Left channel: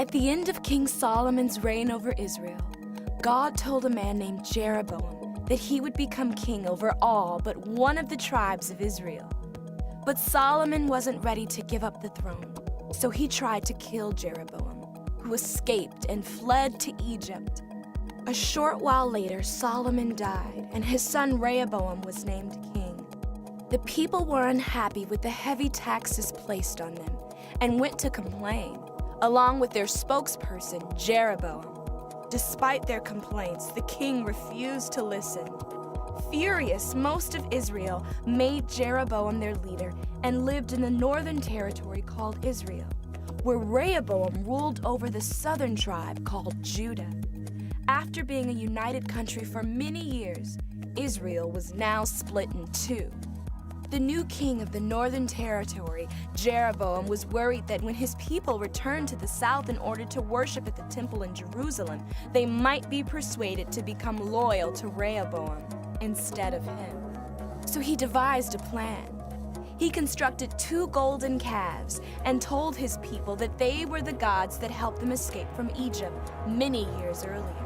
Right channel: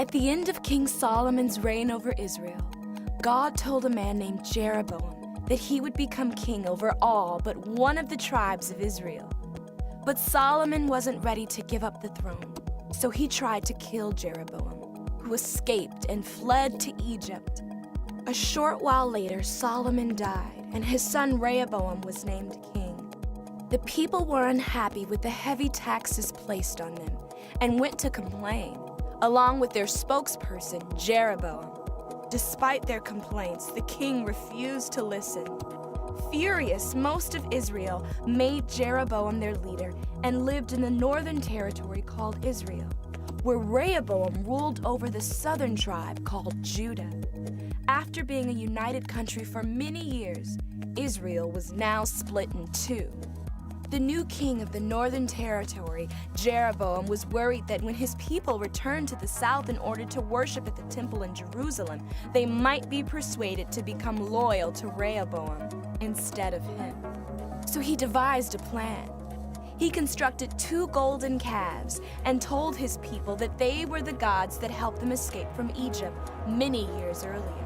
At the end of King Solomon's reign over Israel, God told a man named Jeroboam that he would become king over all but one of the tribes of Israel. But Solomon wasn't ready to give up the throne, so he tried to kill Jeroboam, who escaped and fled to Egypt. A short while later, Solomon died, and his son Rehoboam was named king. The people were unhappy with the heavy taxes placed on them and went to complain, along with their spokesperson, Jeroboam. Despite their complaints, the king refused to listen. Furious, most of Israel made Jeroboam their leader and lived in the northern territory called Israel, where Rehoboam ruled over the southern tribe called Judah. After being a united country for many years, Israel was now split in two. The new king of the northern territory, Jeroboam, was worried that when his people returned to the south in order to worship at the temple in Jerusalem, they might be persuaded to become loyal to Rehoboam instead of him. So he devised a plan. He constructed 2 golden calves and told his people that they were the gods that helped them escape from Egypt many years earlier.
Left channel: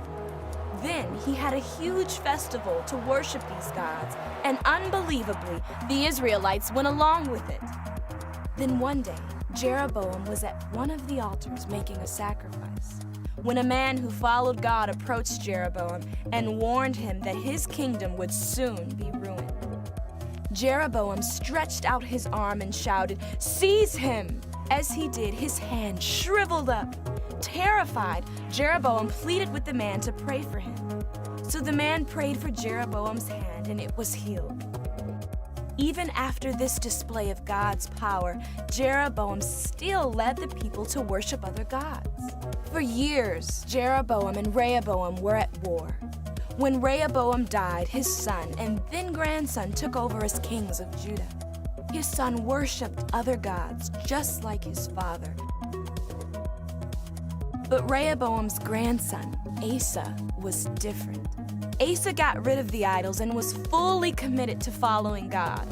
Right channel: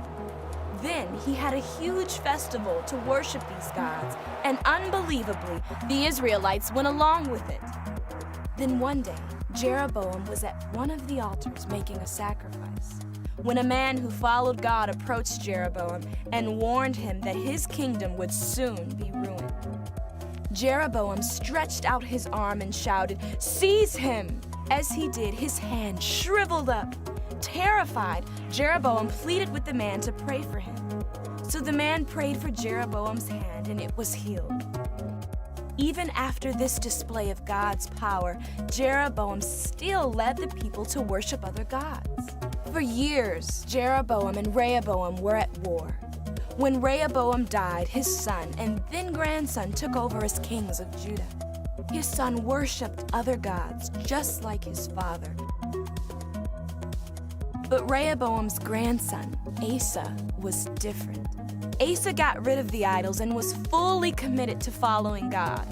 Then he had a huge festival to worship these gods, and unbelievably, the Israelites went along with it. Then one day, Jeroboam was at one of the altars making a sacrifice, when a man who followed God approached Jeroboam and warned him that his kingdom would soon be ruined. Jeroboam stretched out his arm and shouted, "Seize him!" As he did, his hand shriveled up. Terrified, Jeroboam pleaded with the man to pray for him. So the man prayed for Jeroboam's hand, and it was healed. Even after this display of God's power, Jeroboam still led the people to worship other gods. For years, Jeroboam and Rehoboam were at war. When Rehoboam died, his son and then grandson took over as kings of Judah. His son worshipped other gods just like his father. But Rehoboam's grandson, Asa, was different. Asa got rid of the idols and was fully committed to following God.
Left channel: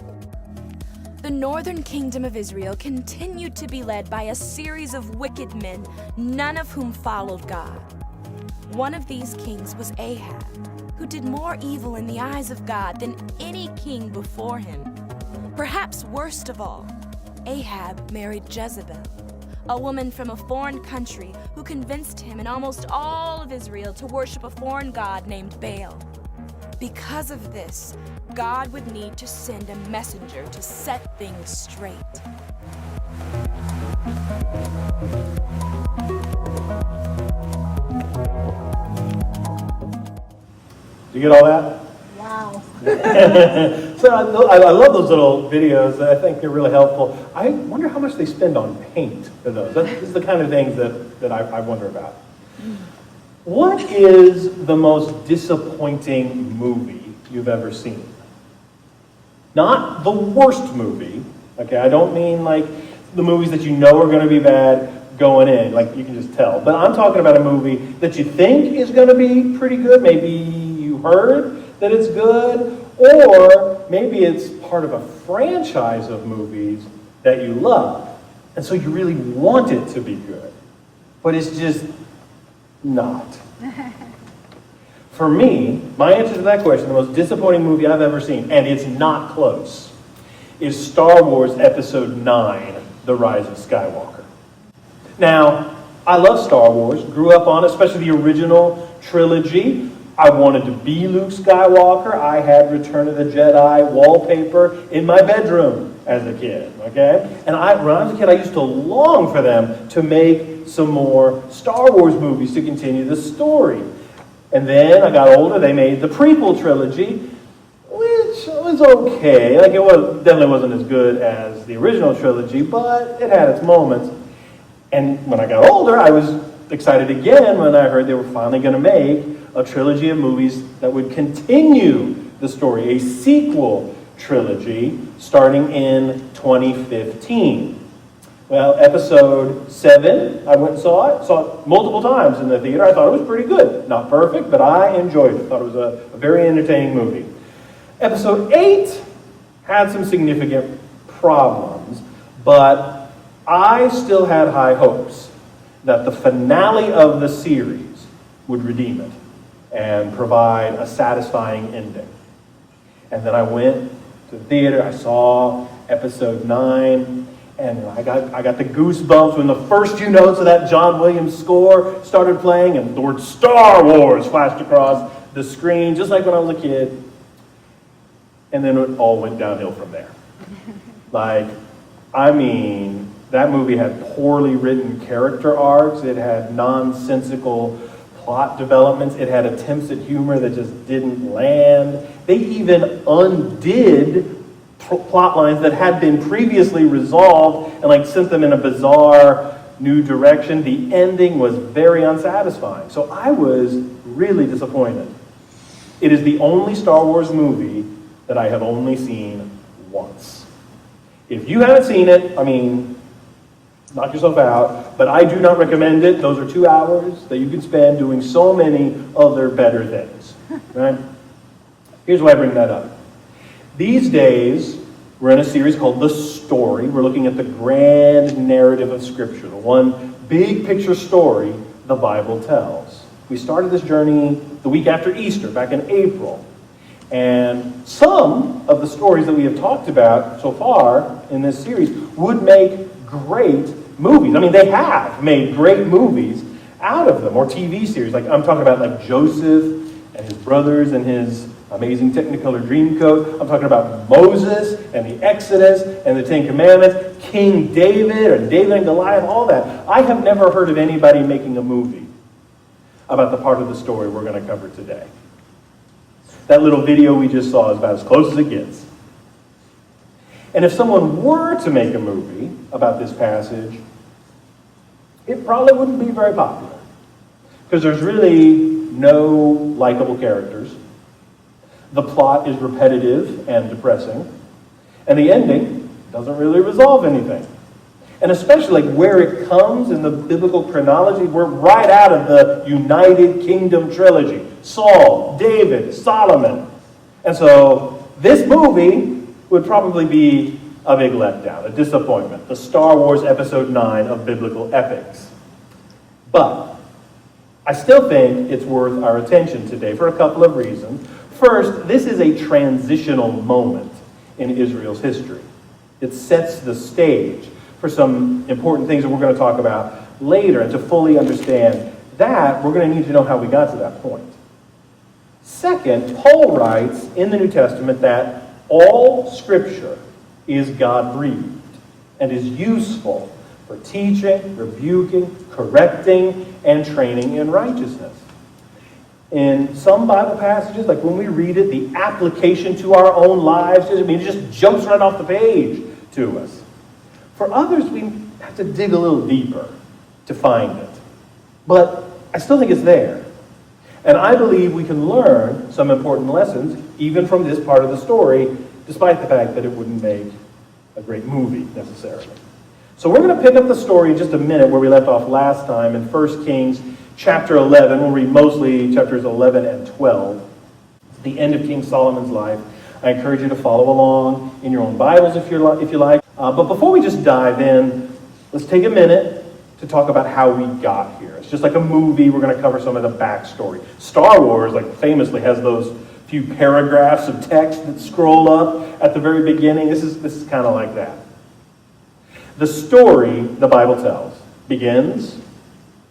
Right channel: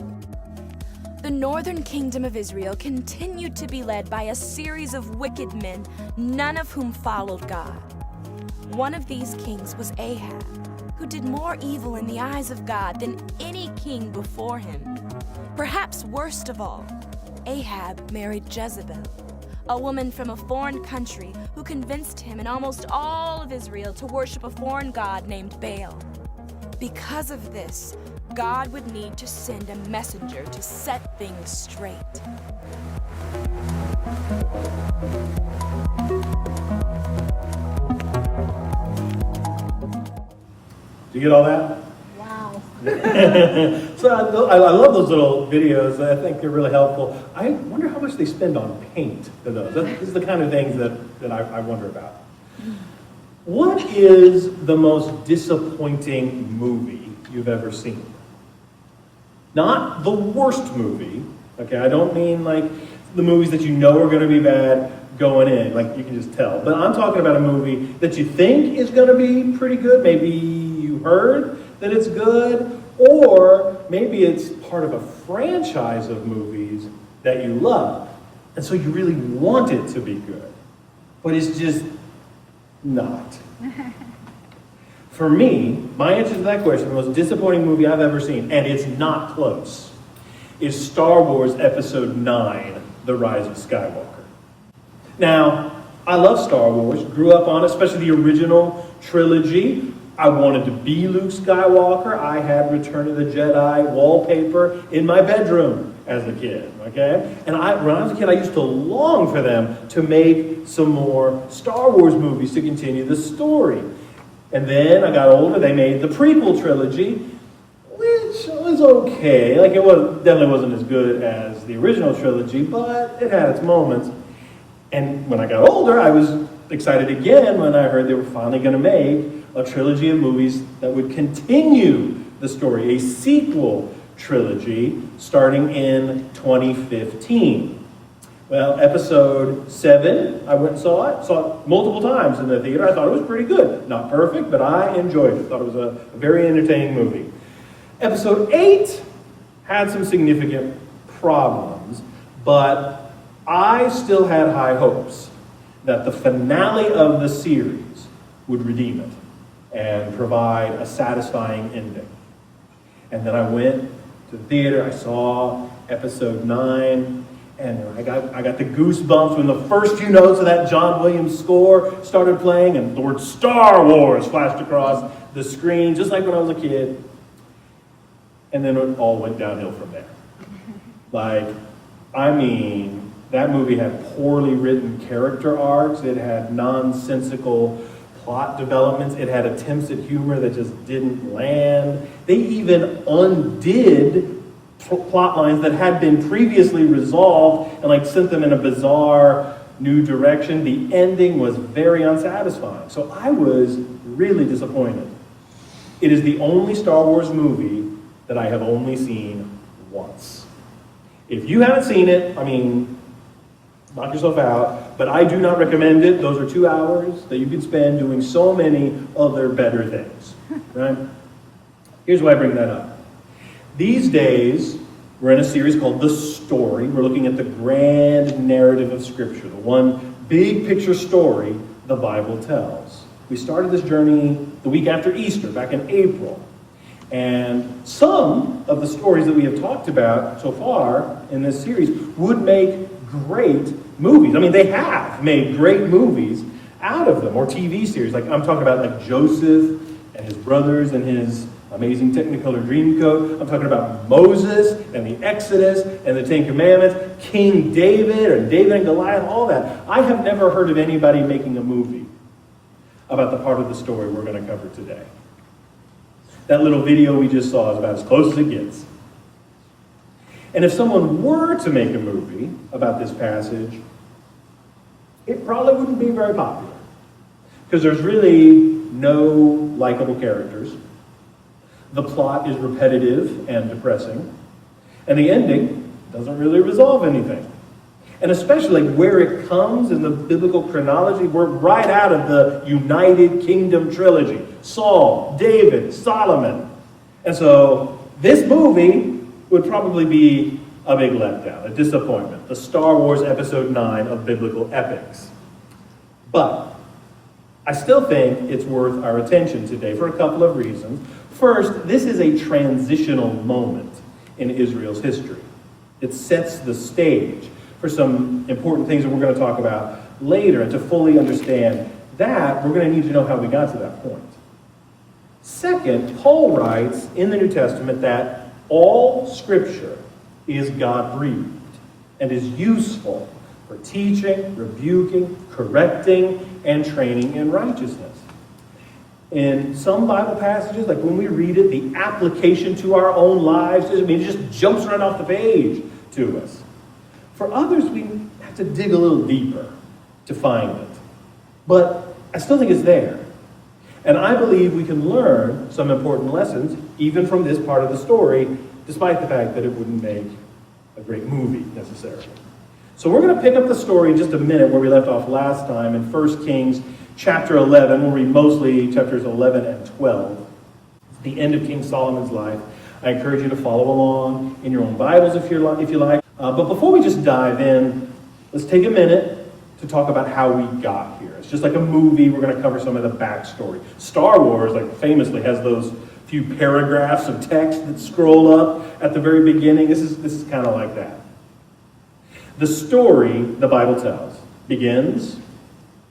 The northern kingdom of Israel continued to be led by a series of wicked men, none of whom followed God. One of these kings was Ahab, who did more evil in the eyes of God than any king before him. Perhaps worst of all, Ahab married Jezebel, a woman from a foreign country who convinced him and almost all of Israel to worship a foreign god named Baal. Because of this, God would need to send a messenger to set things straight. Did you get all that? So I love those little videos. I think they're really helpful. I wonder how much they spend on paint for those. This is the kind of things that I wonder about. What is the most disappointing movie you've ever seen? Not the worst movie. Okay, I don't mean like the movies that you know are going to be bad going in, like you can just tell. But I'm talking about a movie that you think is going to be pretty good. Maybe you heard that it's good, or maybe it's part of a franchise of movies that you love, and so you really want it to be good, but it's just not. For me, my answer to that question, the most disappointing movie I've ever seen, and it's not close, is Star Wars Episode 9, The Rise of Skywalker. Now, I love Star Wars, grew up on it, especially the original trilogy. I wanted to be Luke Skywalker. I had Return of the Jedi wallpaper in my bedroom as a kid, okay? And when I was a kid, I used to long for them to make some more Star Wars movies to continue the story. And then I got older, they made the prequel trilogy, which was okay. Like, definitely wasn't as good as the original trilogy, but it had its moments. And when I got older, I was excited again when I heard they were finally going to make a trilogy of movies that would continue the story, a sequel trilogy starting in 2015. Well, Episode 7, I went and saw it multiple times in the theater. I thought it was pretty good. Not perfect, but I enjoyed it. Thought it was a very entertaining movie. Episode 8 had some significant problems, but I still had high hopes. that the finale of the series would redeem it and provide a satisfying ending. And then I went to the theater, I saw episode 9, and I got the goosebumps when the first few notes of that John Williams score started playing and the word Star Wars flashed across the screen, just like when I was a kid. And then it all went downhill from there. That movie had poorly written character arcs. It had nonsensical plot developments. It had attempts at humor that just didn't land. They even undid plot lines that had been previously resolved and sent them in a bizarre new direction. The ending was very unsatisfying. So I was really disappointed. It is the only Star Wars movie that I have only seen once. If you haven't seen it, knock yourself out, but I do not recommend it. Those are 2 hours that you can spend doing so many other better things, right? Here's why I bring that up. These days, we're in a series called The Story. We're looking at the grand narrative of Scripture, the one big picture story the Bible tells. We started this journey the week after Easter, back in April. And some of the stories that we have talked about so far in this series would make great movies. They have made great movies out of them, or TV series. I'm talking about Joseph and his brothers and his amazing Technicolor Dreamcoat. I'm talking about Moses and the Exodus and the Ten Commandments, King David and David and Goliath, all that. I have never heard of anybody making a movie about the part of the story we're going to cover today. That little video we just saw is about as close as it gets. And if someone were to make a movie about this passage, it probably wouldn't be very popular. Because there's really no likable characters. The plot is repetitive and depressing. And the ending doesn't really resolve anything. And especially where it comes in the biblical chronology, we're right out of the United Kingdom trilogy. Saul, David, Solomon. And so this movie would probably be a big letdown, a disappointment. The Star Wars Episode 9 of biblical epics. But I still think it's worth our attention today for a couple of reasons. First, this is a transitional moment in Israel's history. It sets the stage for some important things that we're going to talk about later. And to fully understand that, we're going to need to know how we got to that point. Second, Paul writes in the New Testament that all Scripture is God-breathed and is useful for teaching, rebuking, correcting, and training in righteousness. In some Bible passages, like when we read it, the application to our own lives, it just jumps right off the page to us. For others, we have to dig a little deeper to find it. But I still think it's there. And I believe we can learn some important lessons, even from this part of the story, despite the fact that it wouldn't make a great movie, necessarily. So we're going to pick up the story in just a minute where we left off last time in 1 Kings chapter 11. We'll read mostly chapters 11 and 12. It's the end of King Solomon's life. I encourage you to follow along in your own Bibles if you like. But before we just dive in, let's take a minute to talk about how we got here. It's just like a movie. We're going to cover some of the backstory. Star Wars, famously, has those few paragraphs of text that scroll up at the very beginning. This is kind of like that. The story the Bible tells begins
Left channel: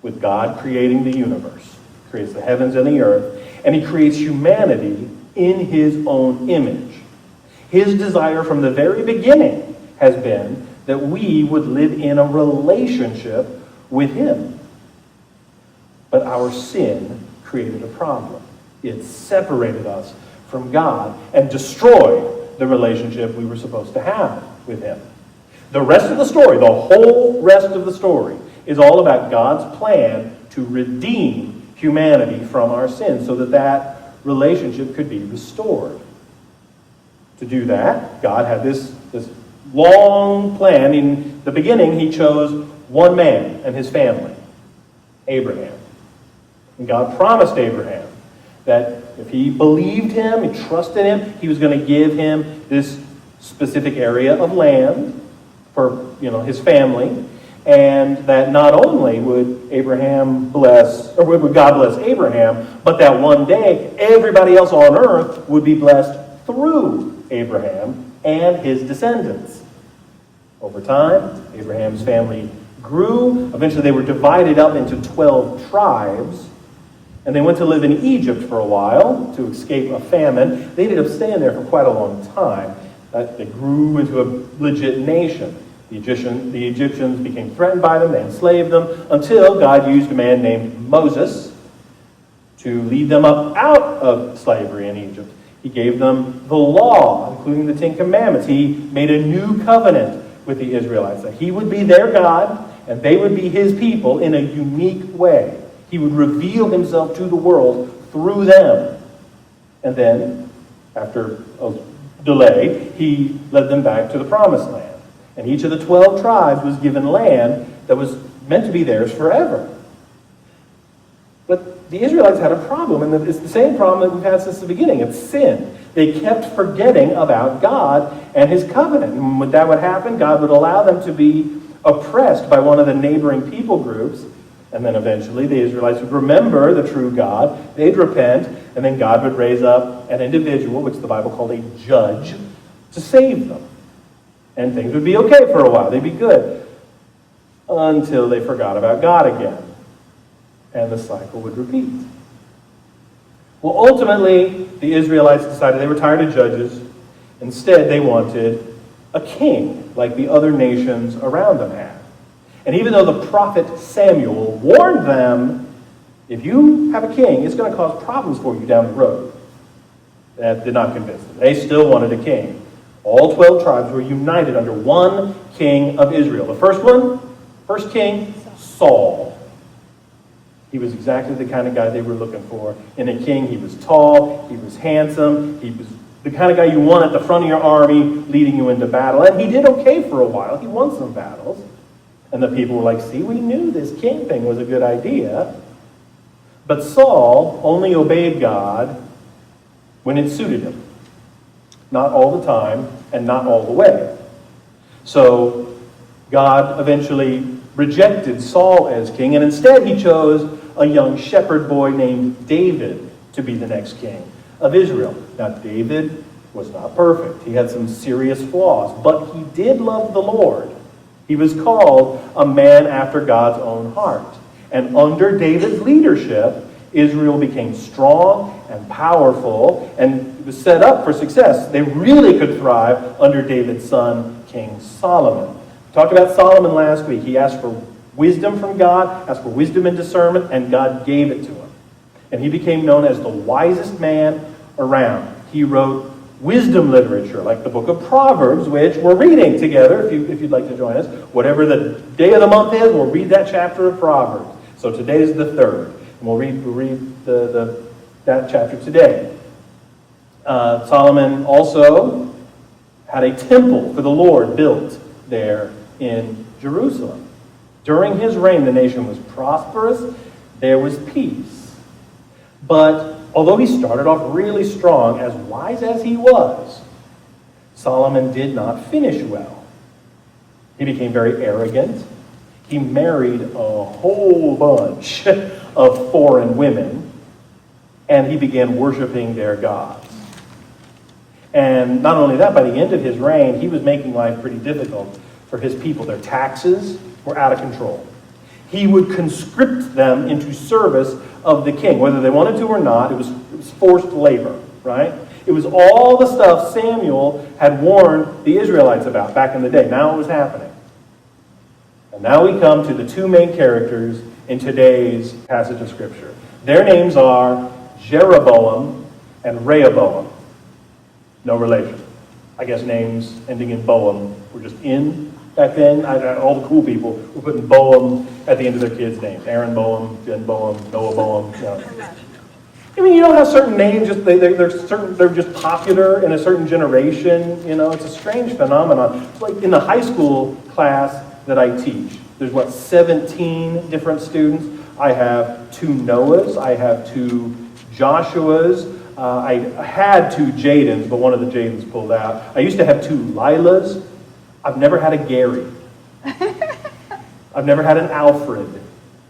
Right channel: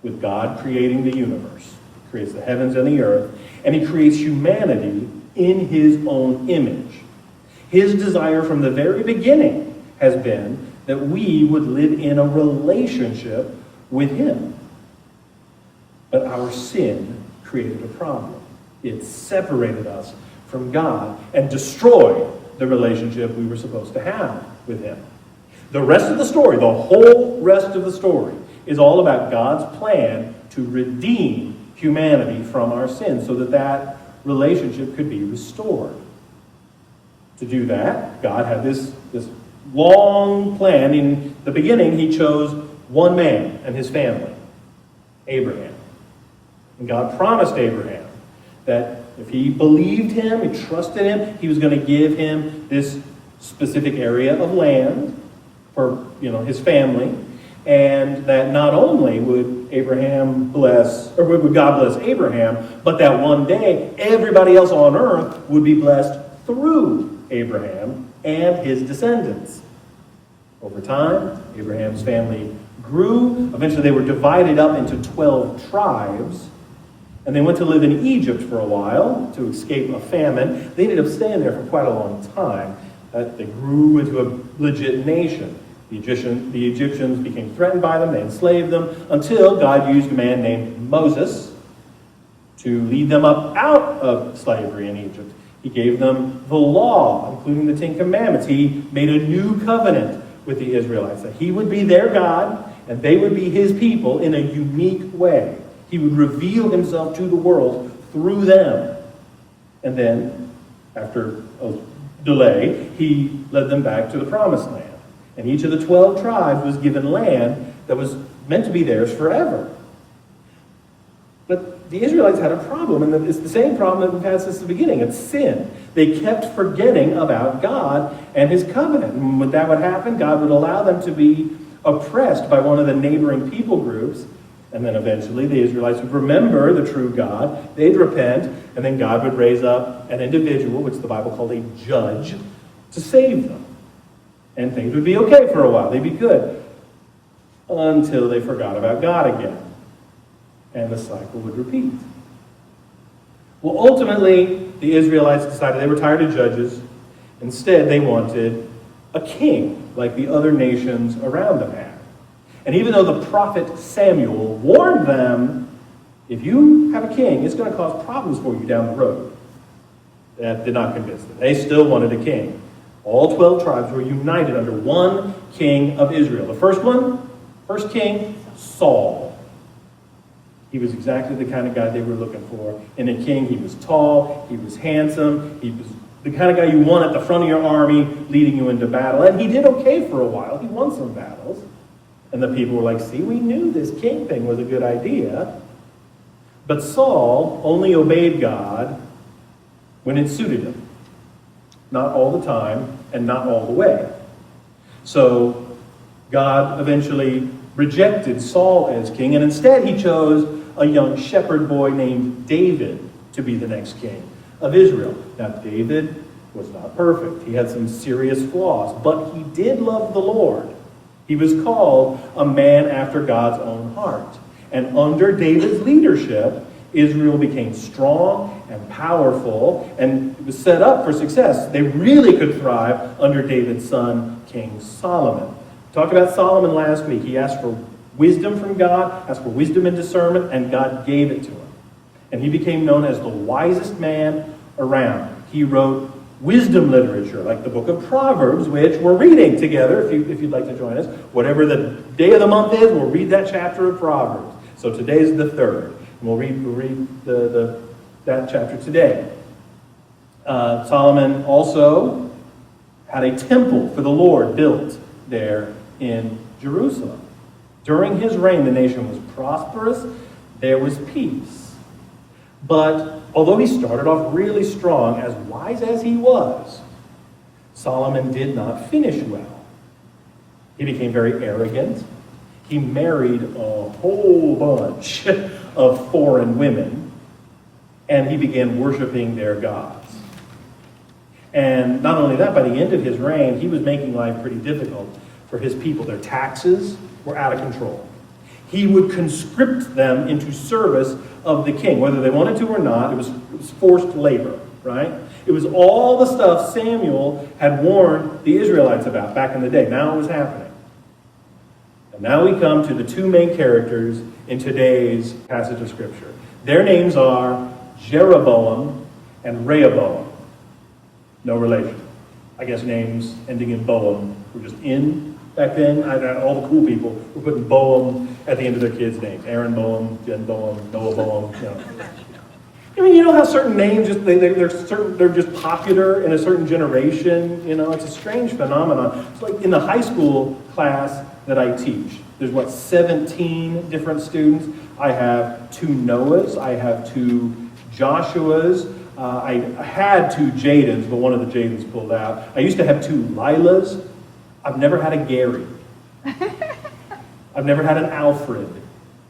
with God creating the universe. He creates the heavens and the earth, and he creates humanity in his own image. His desire from the very beginning has been that we would live in a relationship with him. But our sin created a problem. It separated us from God and destroyed the relationship we were supposed to have with him. The rest of the story, the whole rest of the story, is all about God's plan to redeem humanity from our sins so that that relationship could be restored. To do that, God had this long plan. In the beginning, he chose one man and his family, Abraham. And God promised Abraham that if he believed him and trusted him, he was going to give him this specific area of land for his family. and that not only would would God bless Abraham, but that one day everybody else on earth would be blessed through Abraham and his descendants. Over time, Abraham's family grew. Eventually they were divided up into 12 tribes, and they went to live in Egypt for a while to escape a famine. They ended up staying there for quite a long time. They grew into a legit nation. The Egyptians became threatened by them, they enslaved them, until God used a man named Moses to lead them up out of slavery in Egypt. He gave them the law, including the Ten Commandments. He made a new covenant with the Israelites, that he would be their God, and they would be his people in a unique way. He would reveal himself to the world through them. And then, after a delay, he led them back to the Promised Land. And each of the 12 tribes was given land that was meant to be theirs forever. But the Israelites had a problem, and it's the same problem that we've had since the beginning. It's sin. They kept forgetting about God and his covenant. And when that would happen, God would allow them to be oppressed by one of the neighboring people groups. And then eventually the Israelites would remember the true God. They'd repent, and then God would raise up an individual, which the Bible called a judge, to save them. And things would be okay for a while. They'd be good. Until they forgot about God again. And the cycle would repeat. Well, ultimately, the Israelites decided they were tired of judges. Instead, they wanted a king, like the other nations around them had. And even though the prophet Samuel warned them, if you have a king, it's going to cause problems for you down the road. That did not convince them. They still wanted a king. All 12 tribes were united under one king of Israel. The first king, Saul. He was exactly the kind of guy they were looking for. In a king, he was tall, he was handsome, he was the kind of guy you want at the front of your army, leading you into battle. And he did okay for a while. He won some battles. And the people were like, see, we knew this king thing was a good idea. But Saul only obeyed God when it suited him. Not all the time, and not all the way. So God eventually rejected Saul as king, and instead he chose a young shepherd boy named David to be the next king of Israel. Now, David was not perfect. He had some serious flaws, but he did love the Lord. He was called a man after God's own heart. And under David's leadership, Israel became strong and powerful, and it was set up for success. They really could thrive under David's son, King Solomon. We talked about Solomon last week. He asked for wisdom from God, asked for wisdom and discernment, and God gave it to him. And he became known as the wisest man around. He wrote wisdom literature, like the book of Proverbs, which we're reading together, if you'd like to join us. Whatever the day of the month is, we'll read that chapter of Proverbs. So today's the 3rd. And we'll read that chapter today. Solomon also had a temple for the Lord built there in Jerusalem. During his reign, the nation was prosperous. There was peace. But although he started off really strong, as wise as he was, Solomon did not finish well. He became very arrogant. He married a whole bunch of foreign women, and he began worshiping their gods. And not only that, by the end of his reign, he was making life pretty difficult for his people. Their taxes were out of control. He would conscript them into service of the king, whether they wanted to or not. It was forced labor, right? It was all the stuff Samuel had warned the Israelites about back in the day. Now it was happening. And now we come to the two main characters in today's passage of Scripture. Their names are Jeroboam and Rehoboam. No relation. I guess names ending in Boam were just in back then. All the cool people were putting Boam at the end of their kids' names. Aaron Boam, Jen Boam, Noah Boam. No. I mean, you know how certain names they're just popular in a certain generation. You know, it's a strange phenomenon. It's like in the high school class that I teach. There's 17 different students. I have 2 Noahs. I have 2 Joshuas. I had 2 Jadens, but one of the Jadens pulled out. I used to have 2 Lilas. I've never had a Gary. I've never had an Alfred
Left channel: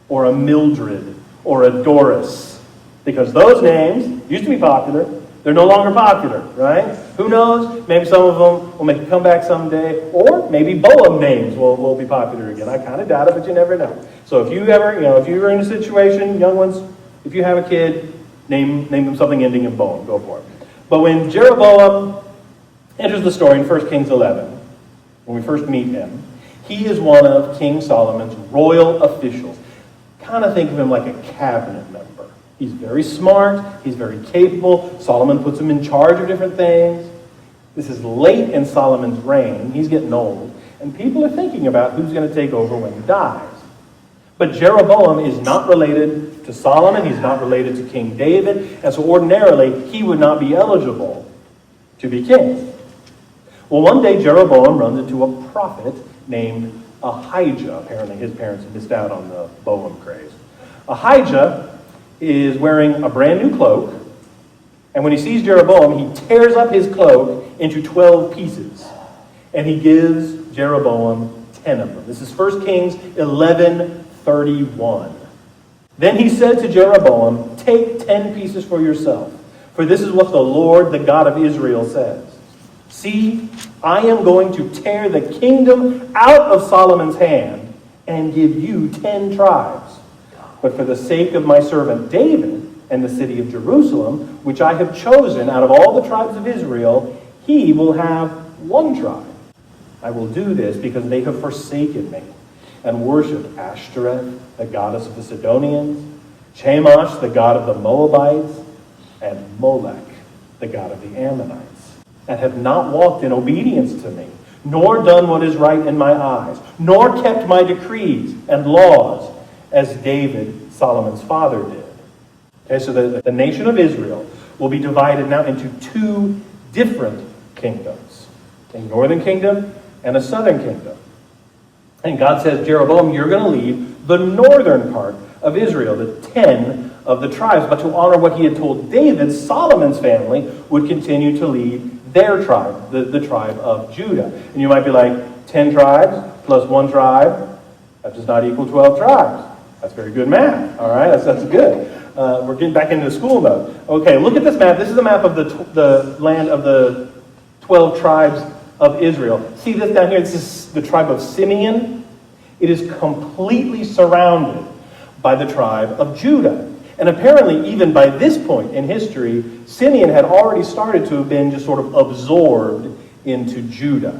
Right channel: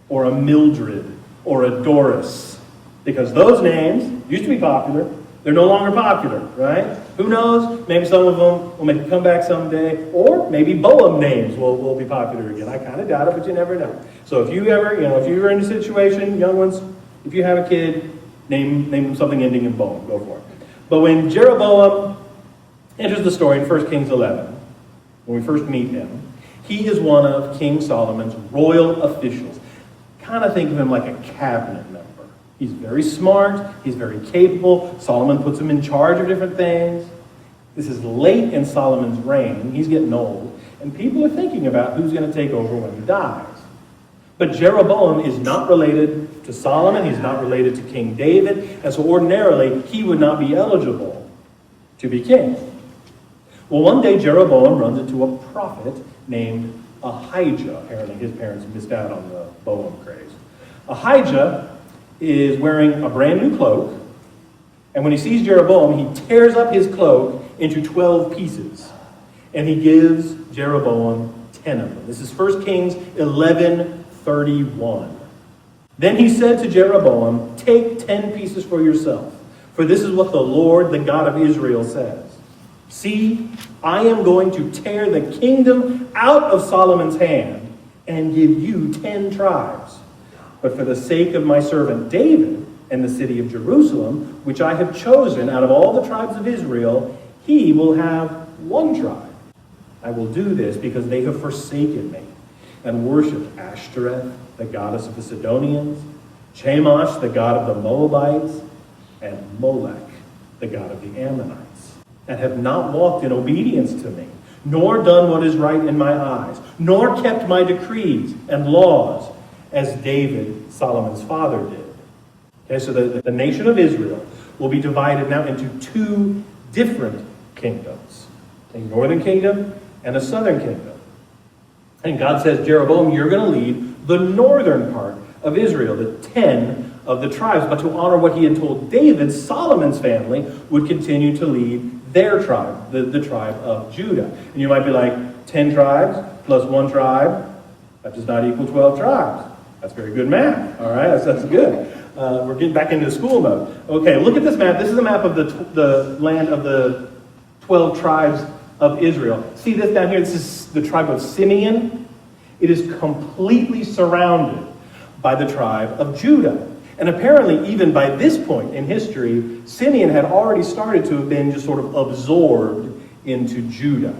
or a Mildred or a Doris, because those names used to be popular. They're no longer popular, right? Who knows? Maybe some of them will make a comeback someday, or maybe Boam names will be popular again. I kind of doubt it, but you never know. So if you ever, if you're in a situation, young ones, if you have a kid, name them something ending in Boam. Go for it. But when Jeroboam enters the story in 1 Kings 11, when we first meet him, he is one of King Solomon's royal officials. Kind of think of him like a cabinet member. He's very smart. He's very capable. Solomon puts him in charge of different things. This is late in Solomon's reign. He's getting old. And people are thinking about who's going to take over when he dies. But Jeroboam is not related to Solomon. He's not related to King David. And so ordinarily, he would not be eligible to be king. Well, one day Jeroboam runs into a prophet named Ahijah. Apparently his parents missed out on the Boam craze. Ahijah is wearing a brand new cloak, and when he sees Jeroboam, he tears up his cloak into 12 pieces, and he gives Jeroboam 10 of them. This is 1 Kings 11:31. Then he said to Jeroboam, "Take 10 pieces for yourself, for this is what the Lord, the God of Israel, says. See, I am going to tear the kingdom out of Solomon's hand and give you 10 tribes. But for the sake of my servant David and the city of Jerusalem, which I have chosen out of all the tribes of Israel, he will have 1 tribe. I will do this because they have forsaken me and worshipped Ashtoreth, the goddess of the Sidonians, Chemosh, the god of the Moabites, and Molech, the god of the Ammonites, and have not walked in obedience to me, nor done what is right in my eyes, nor kept my decrees and laws, as David, Solomon's father, did." Okay, so the nation of Israel will be divided now into 2 different kingdoms, a northern kingdom and a southern kingdom. And God says, Jeroboam, you're going to lead the northern part of Israel, the 10 of the tribes. But to honor what he had told David, Solomon's family would continue to lead their tribe, the tribe of Judah. And you might be like, 10 tribes plus 1 tribe, that does not equal 12 tribes. That's very good math, all right? That's good. We're getting back into school mode. Okay, look at this map. This is a map of the land of the 12 tribes of Israel. See this down here? This is the tribe of Simeon. It is completely surrounded by the tribe of Judah. And apparently, even by this point in history, Simeon had already started to have been just sort of absorbed into Judah,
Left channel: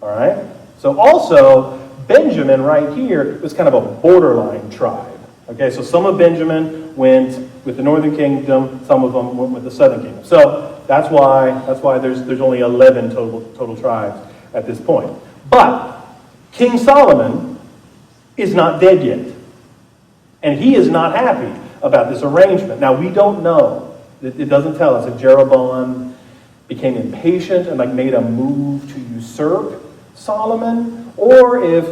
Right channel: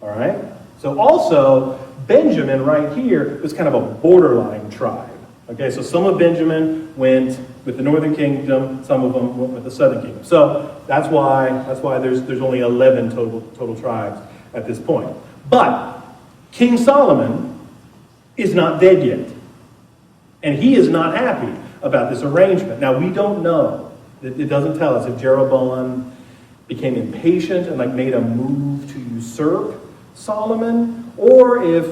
all right? So also, Benjamin right here was kind of a borderline tribe. Okay, so some of Benjamin went with the northern kingdom, some of them went with the southern kingdom. So that's why there's only 11 total tribes at this point. But King Solomon is not dead yet. And he is not happy about this arrangement. Now, we don't know. It doesn't tell us if Jeroboam became impatient and made a move to usurp Solomon, or if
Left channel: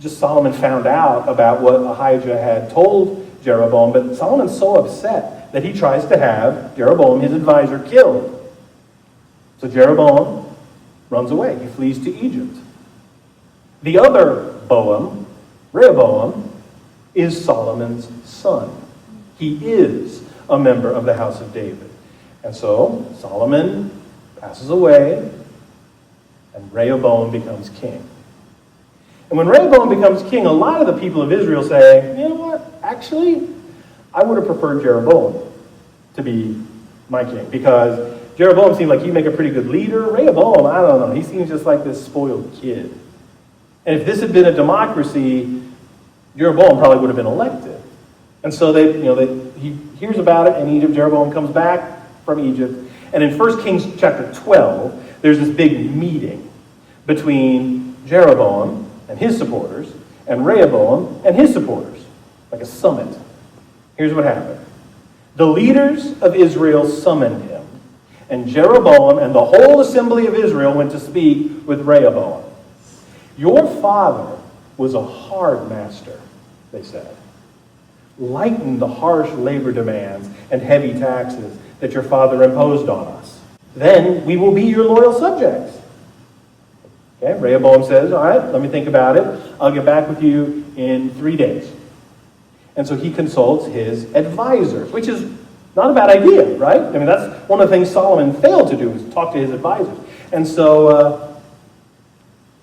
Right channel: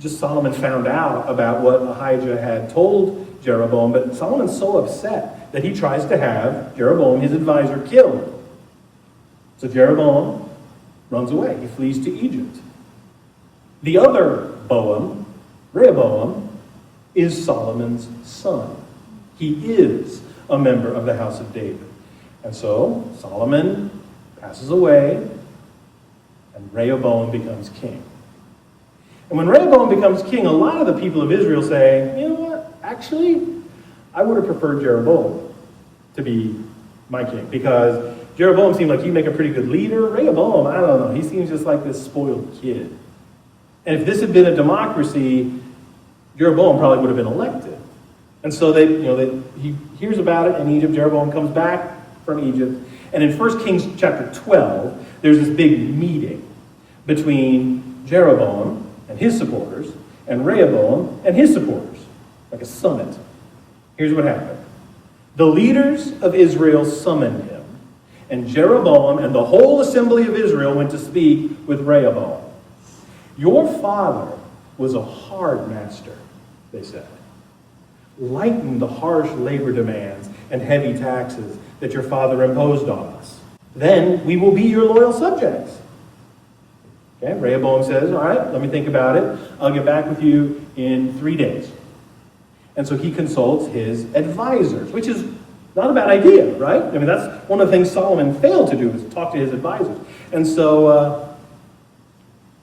just Solomon found out about what Ahijah had told Jeroboam. But Solomon's so upset that he tries to have Jeroboam, his advisor, killed. So Jeroboam runs away. He flees to Egypt. The other Boam, Rehoboam, is Solomon's son. He is a member of the house of David. And so Solomon passes away, and Rehoboam becomes king. And when Rehoboam becomes king, a lot of the people of Israel say, you know what, actually, I would have preferred Jeroboam to be my king, because Jeroboam seemed like he'd make a pretty good leader. Rehoboam, I don't know, he seems just like this spoiled kid. And if this had been a democracy, Jeroboam probably would have been elected. And so he hears about it in Egypt. Jeroboam comes back from Egypt. And in 1 Kings chapter 12, there's this big meeting between Jeroboam and his supporters and Rehoboam and his supporters, like a summit. Here's what happened. The leaders of Israel summoned him, and Jeroboam and the whole assembly of Israel went to speak with Rehoboam. Your father was a hard master, they said. Lighten the harsh labor demands and heavy taxes that your father imposed on us. Then we will be your loyal subjects. Okay, Rehoboam says, all right, let me think about it. I'll get back with you in 3 days. And so he consults his advisors, which is not a bad idea, right? I mean, that's one of the things Solomon failed to do, is talk to his advisors. And so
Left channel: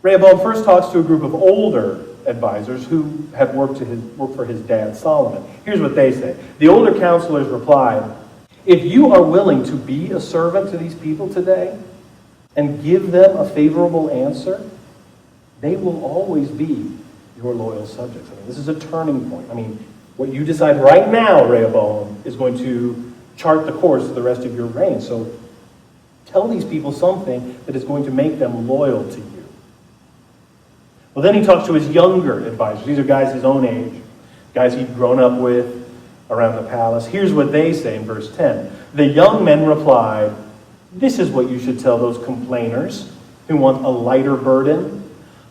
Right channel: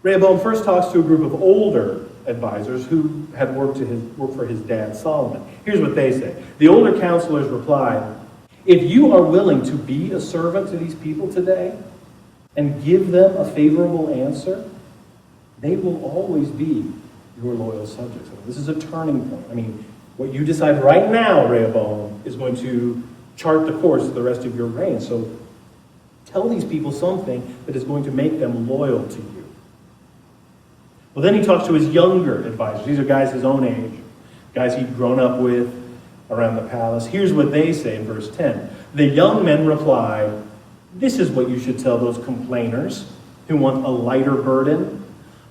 Rehoboam first talks to a group of older advisors who had worked for his dad Solomon. Here's what they say. The older counselors replied, if you are willing to be a servant to these people today and give them a favorable answer, they will always be your loyal subjects. I mean, this is a turning point. I mean, what you decide right now, Rehoboam, is going to chart the course of the rest of your reign. So tell these people something that is going to make them loyal to you. Well, then he talks to his younger advisors. These are guys his own age, guys he'd grown up with around the palace. Here's what they say in verse 10. The young men replied, this is what you should tell those complainers who want a lighter burden.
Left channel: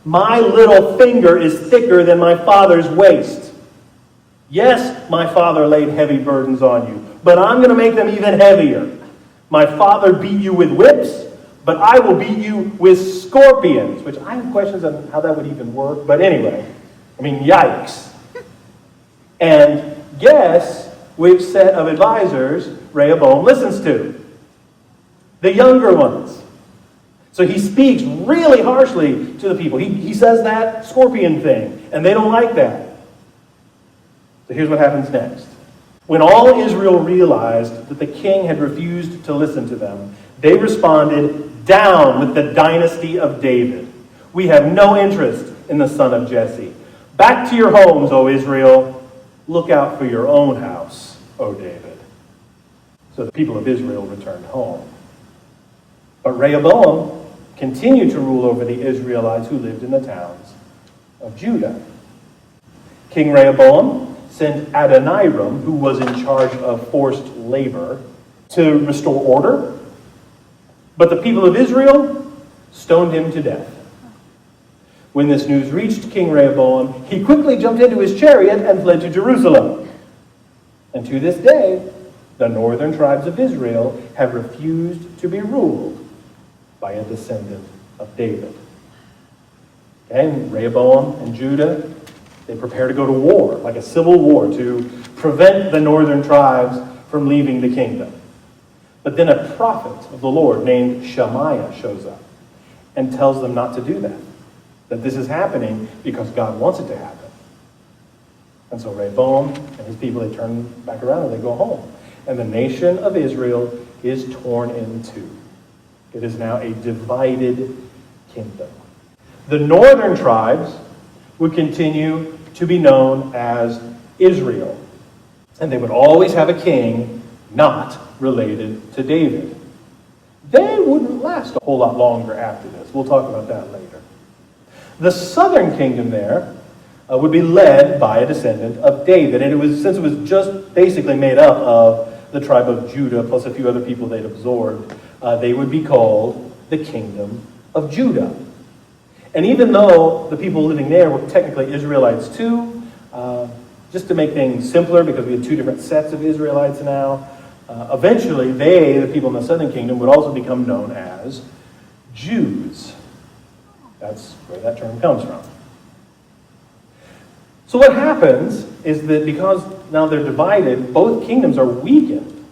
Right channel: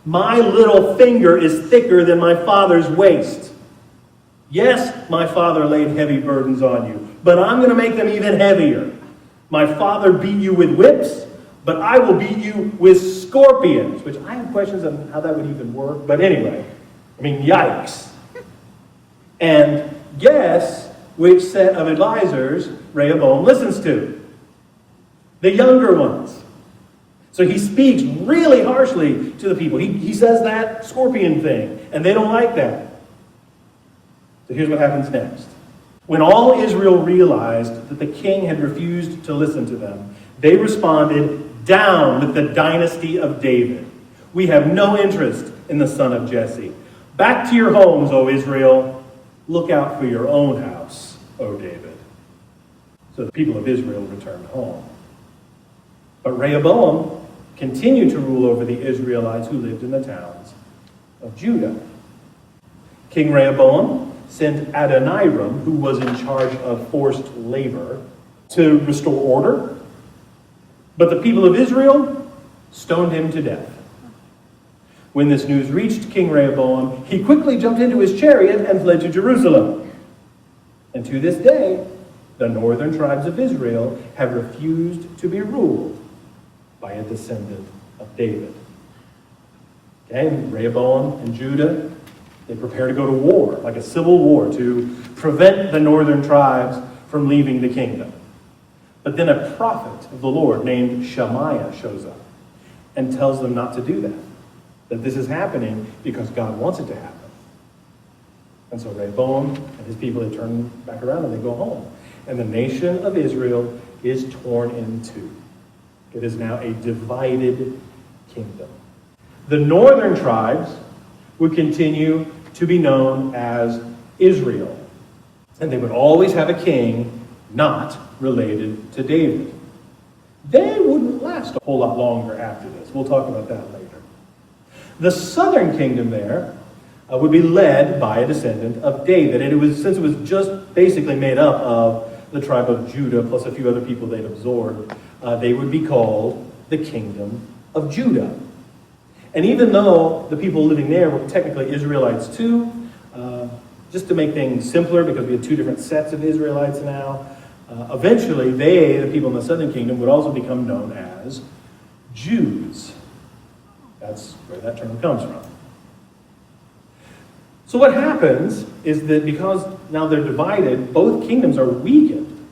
My little finger is thicker than my father's waist. Yes, my father laid heavy burdens on you, but I'm going to make them even heavier. My father beat you with whips, but I will beat you with scorpions, which I have questions on how that would even work. But anyway, I mean, yikes. And guess which set of advisors Rehoboam listens to? The younger ones. So he speaks really harshly to the people. He says that scorpion thing, and they don't like that. So here's what happens next. When all Israel realized that the king had refused to listen to them, they responded, down with the dynasty of David. We have no interest in the son of Jesse. Back to your homes, O Israel. Look out for your own house, O David. So the people of Israel returned home. But Rehoboam continued to rule over the Israelites who lived in the towns of Judah. King Rehoboam sent Adoniram, who was in charge of forced labor, to restore order. But the people of Israel stoned him to death. When this news reached King Rehoboam, he quickly jumped into his chariot and fled to Jerusalem. And to this day, the northern tribes of Israel have refused to be ruled by a descendant of David. Okay, Rehoboam and Judah, they prepare to go to war, like a civil war, to prevent the northern tribes from leaving the kingdom. But then a prophet of the Lord named Shemaiah shows up and tells them not to do that this is happening because God wants it to happen. And so Rehoboam and his people, they turn back around and they go home. And the nation of Israel is torn in two. It is now a divided kingdom. The northern tribes would continue to be known as Israel. And they would always have a king not related to David. They wouldn't last a whole lot longer after this. We'll talk about that later. The southern kingdom there would be led by a descendant of David. And since it was just basically made up of the tribe of Judah plus a few other people they'd absorbed, they would be called the kingdom of Judah. And even though the people living there were technically Israelites too, just to make things simpler, because we had two different sets of Israelites now, eventually the people in the southern kingdom, would also become known as Jews. That's where that term comes from. So what happens is that because now they're divided, both kingdoms are weakened.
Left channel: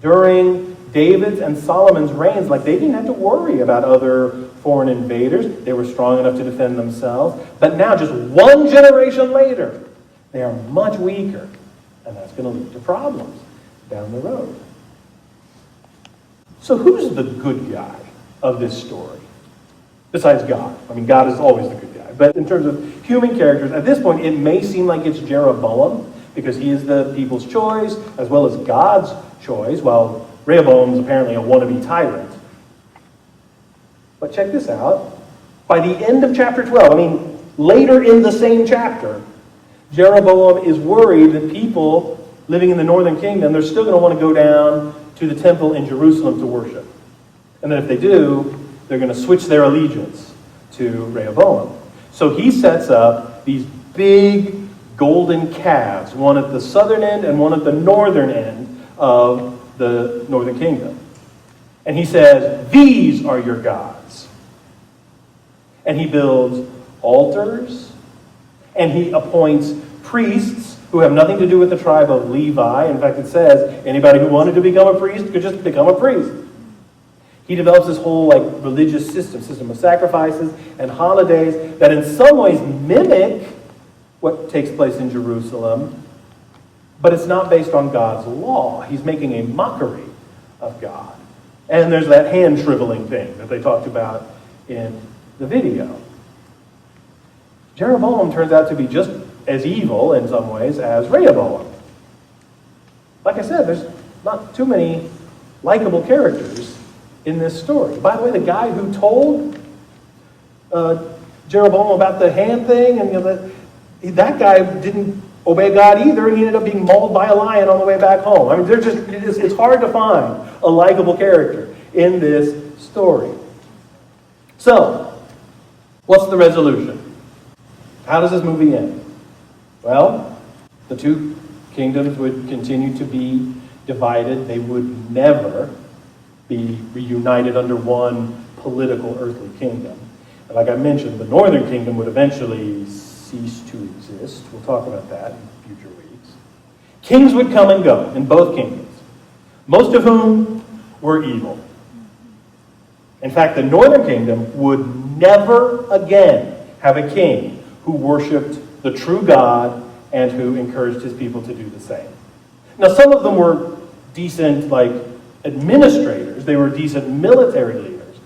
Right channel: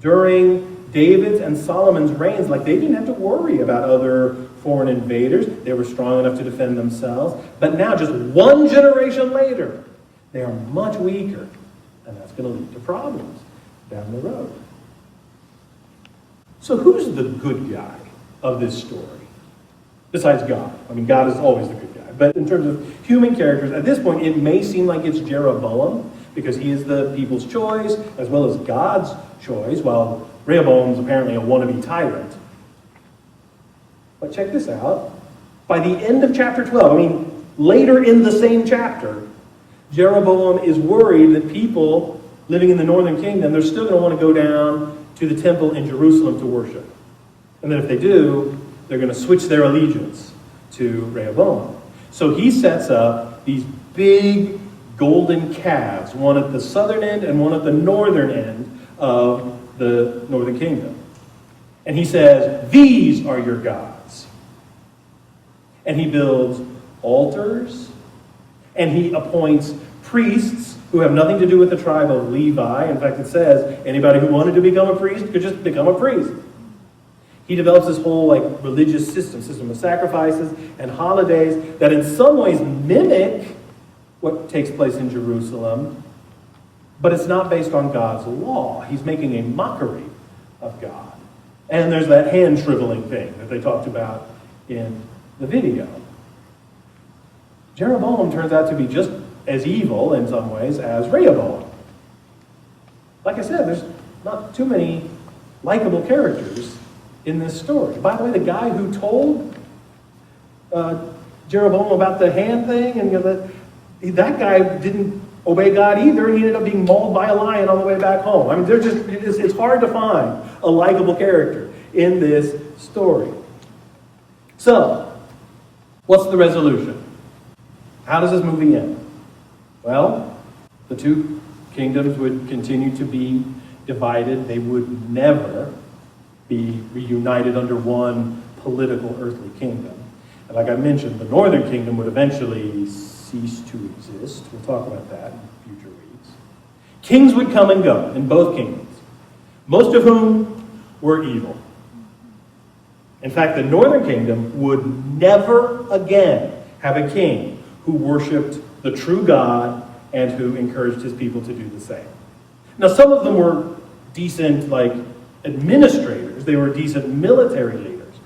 During David's and Solomon's reigns, they didn't have to worry about other foreign invaders. They were strong enough to defend themselves. But now, just one generation later, they are much weaker. And that's going to lead to problems down the road. So who's the good guy of this story? Besides God. I mean, God is always the good guy. But in terms of human characters, at this point, it may seem like it's Jeroboam, because he is the people's choice, as well as God's choice, while Rehoboam is apparently a wannabe tyrant. But check this out. By the end of chapter 12, later in the same chapter, Jeroboam is worried that people living in the northern kingdom, they're still going to want to go down to the temple in Jerusalem to worship. And then if they do, they're going to switch their allegiance to Rehoboam. So he sets up these big golden calves, one at the southern end and one at the northern end of the northern kingdom. And he says, these are your gods. And he builds altars, and he appoints priests who have nothing to do with the tribe of Levi. In fact, it says anybody who wanted to become a priest could just become a priest. He develops this whole religious system of sacrifices and holidays that in some ways mimic what takes place in Jerusalem, but it's not based on God's law. He's making a mockery of God. And there's that hand shriveling thing that they talked about in the video. Jeroboam turns out to be just as evil in some ways as Rehoboam. Like I said, there's not too many likable characters in this story. By the way, the guy who told Jeroboam about the hand thing, and that guy didn't obey God either, and he ended up being mauled by a lion on the way back home. I mean, it's hard to find a likable character in this story. So, what's the resolution? How does this movie end? Well, the two kingdoms would continue to be divided. They would never be reunited under one political earthly kingdom. And like I mentioned, the northern kingdom would eventually cease to exist. We'll talk about that in future weeks. Kings would come and go in both kingdoms, most of whom were evil. In fact, the northern kingdom would never again have a king who worshipped the true God and who encouraged his people to do the same. Now, some of them were decent, administrators. They were decent military leaders.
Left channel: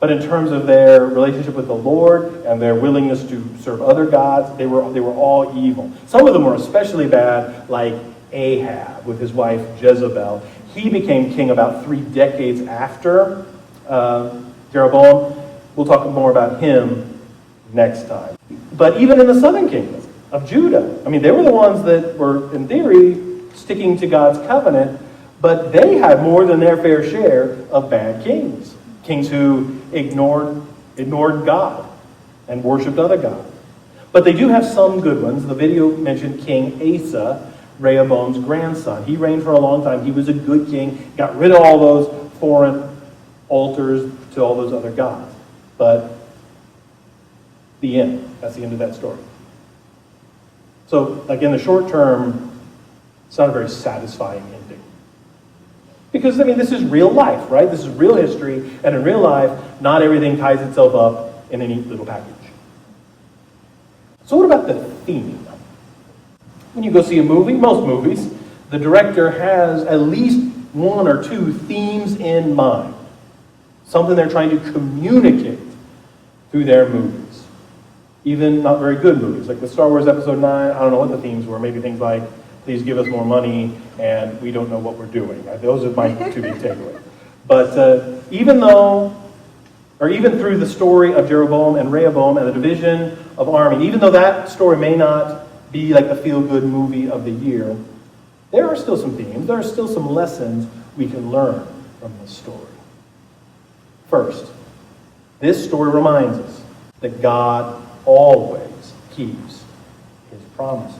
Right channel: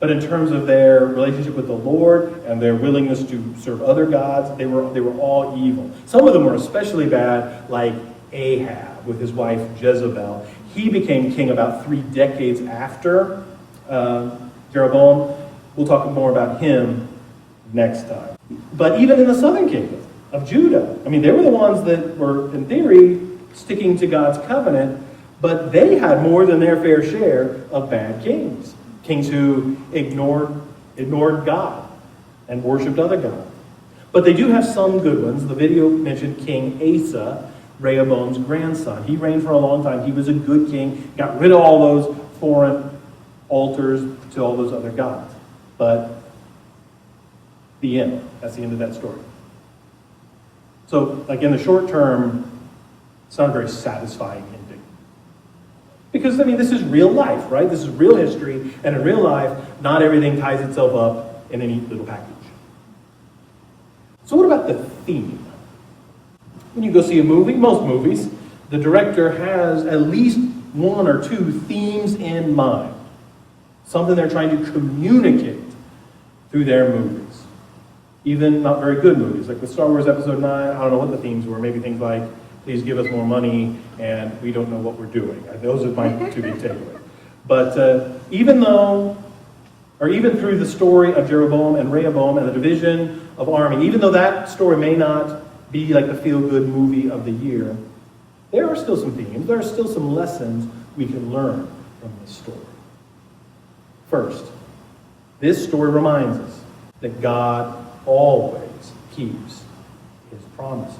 But in terms of their relationship with the Lord and their willingness to serve other gods, they were all evil. Some of them were especially bad, like Ahab with his wife Jezebel. He became king about 3 decades after Jeroboam. We'll talk more about him next time. But even in the southern kingdom of Judah, they were the ones that were, in theory, sticking to God's covenant, but they had more than their fair share of bad kings. Kings who ignored God and worshipped other gods. But they do have some good ones. The video mentioned King Asa, Rehoboam's grandson. He reigned for a long time. He was a good king, got rid of all those foreign altars to all those other gods. But the end. That's the end of that story. So, in the short term, it's not a very satisfying ending. Because, this is real life, right? This is real history, and in real life, not everything ties itself up in a neat little package. So what about the theme? When you go see a movie, most movies, the director has at least 1 or 2 themes in mind. Something they're trying to communicate through their movies. Even not very good movies. Like with Star Wars Episode 9, I don't know what the themes were. Maybe things like, please give us more money, and we don't know what we're doing. Those are my 2 big takeaways. But even through the story of Jeroboam and Rehoboam and the division of army, even though that story may not be like the feel-good movie of the year, there are still some themes. There are still some lessons we can learn from this story. First, this story reminds us that God always keeps his promises.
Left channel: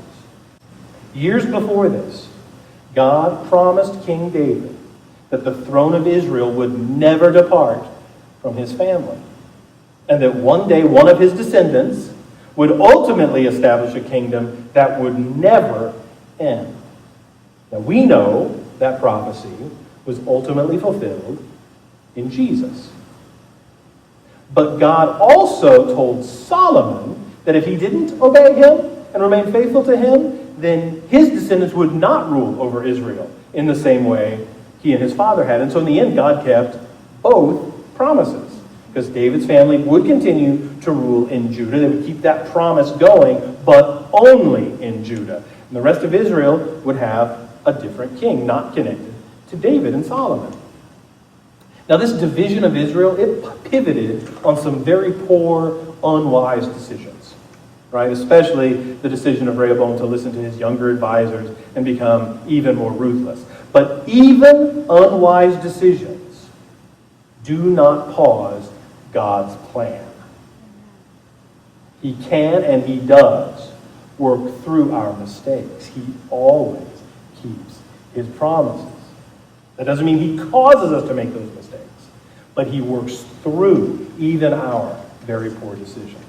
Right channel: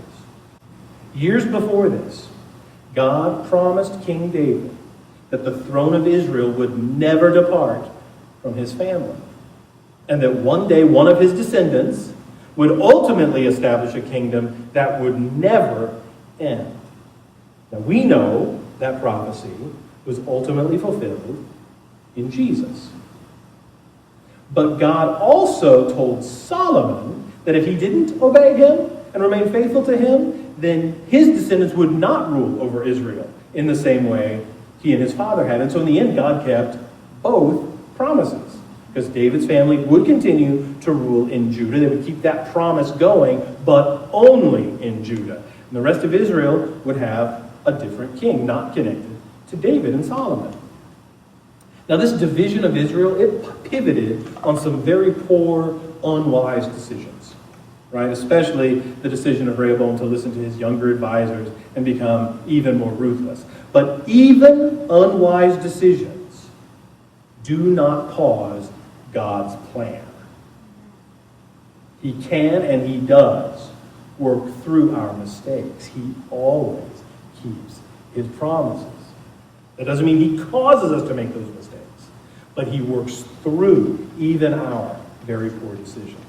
Years before this, God promised King David that the throne of Israel would never depart from his family, and that one day one of his descendants would ultimately establish a kingdom that would never end. Now we know that prophecy was ultimately fulfilled in Jesus. But God also told Solomon that if he didn't obey him and remain faithful to him, then his descendants would not rule over Israel in the same way he and his father had. And so in the end, God kept both promises, because David's family would continue to rule in Judah. They would keep that promise going, but only in Judah. And the rest of Israel would have a different king, not connected to David and Solomon. Now, this division of Israel, it pivoted on some very poor, unwise decisions, right? Especially the decision of Rehoboam to listen to his younger advisors and become even more ruthless. But even unwise decisions do not pause God's plan. He can and he does work through our mistakes. He always keeps his promises. That doesn't mean he causes us to make those mistakes, but he works through even our very poor decisions.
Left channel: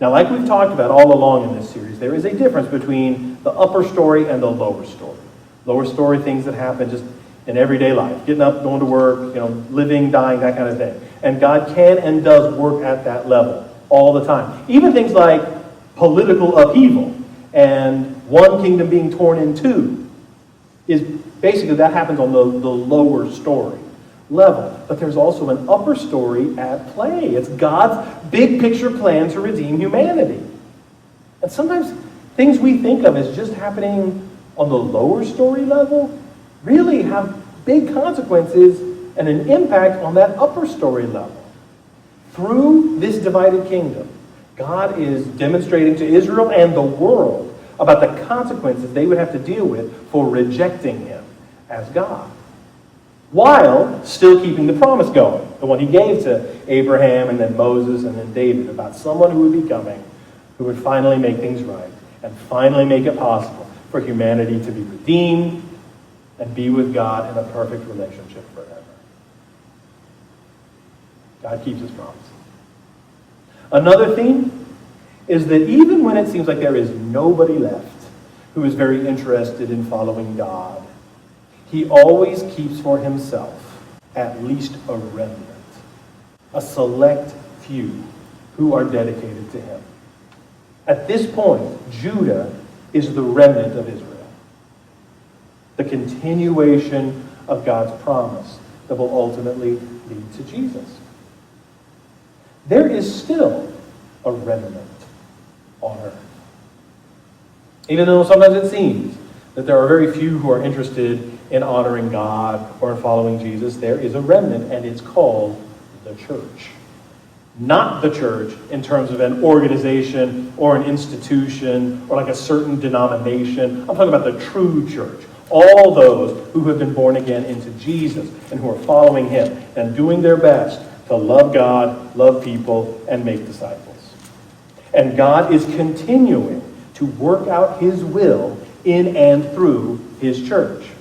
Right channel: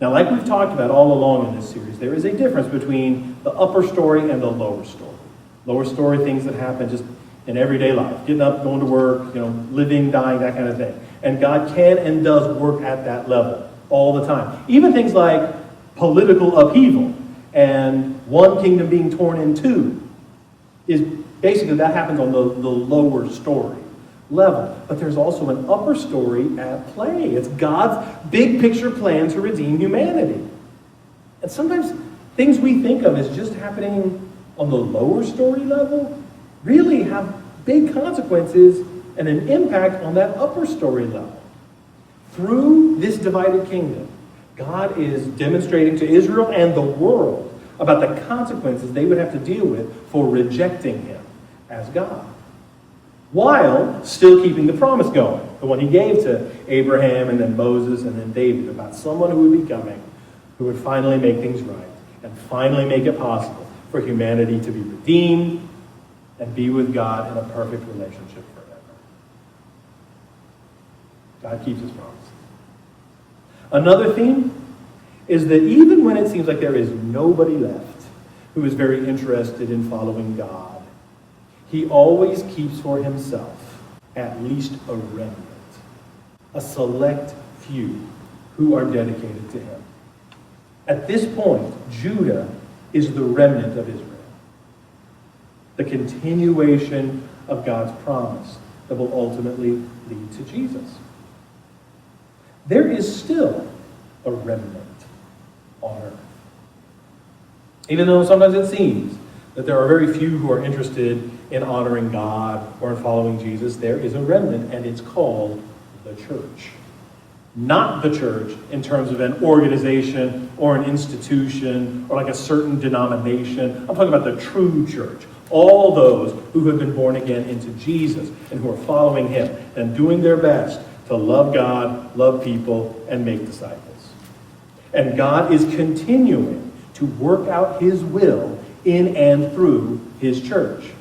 Now, like we've talked about all along in this series, there is a difference between the upper story and the lower story. Lower story, things that happen just in everyday life, getting up, going to work, living, dying, that kind of thing. And God can and does work at that level all the time. Even things like political upheaval and one kingdom being torn in two is basically, that happens on the lower story level. But there's also an upper story at play. It's God's big picture plan to redeem humanity. And sometimes things we think of as just happening on the lower story level really have big consequences and an impact on that upper story level. Through this divided kingdom, God is demonstrating to Israel and the world about the consequences they would have to deal with for rejecting him as God, while still keeping the promise going, the one he gave to Abraham and then Moses and then David, about someone who would be coming, who would finally make things right and finally make it possible for humanity to be redeemed and be with God in a perfect relationship forever. God keeps his promises. Another theme is that even when it seems like there is nobody left who is very interested in following God, he always keeps for himself at least a remnant, a select few who are dedicated to him. At this point, Judah is the remnant of Israel, the continuation of God's promise that will ultimately lead to Jesus. There is still a remnant on earth. Even though sometimes it seems that there are very few who are interested in honoring God or in following Jesus, there is a remnant, and it's called the church. Not the church in terms of an organization or an institution or like a certain denomination. I'm talking about the true church. All those who have been born again into Jesus and who are following him and doing their best to love God, love people, and make disciples. And God is continuing to work out his will in and through his church.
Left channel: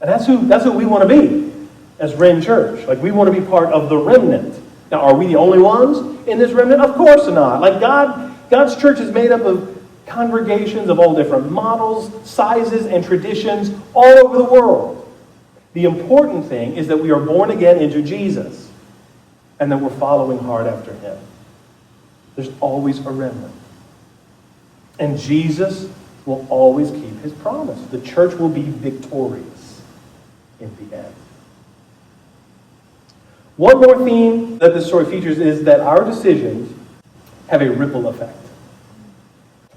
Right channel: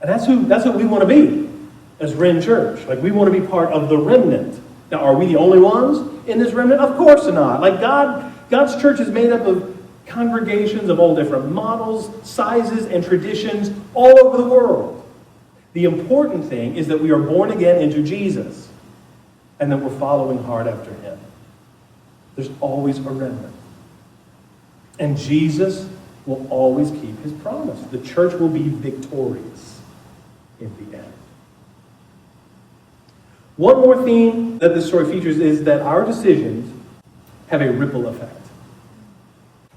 And that's who we want to be as Ren Church. Like, we want to be part of the remnant. Now, are we the only ones in this remnant? Of course not. Like, God's church is made up of congregations of all different models, sizes, and traditions all over the world. The important thing is that we are born again into Jesus and that we're following hard after him. There's always a remnant. And Jesus will always keep his promise. The church will be victorious in the end. One more theme that this story features is that our decisions have a ripple effect.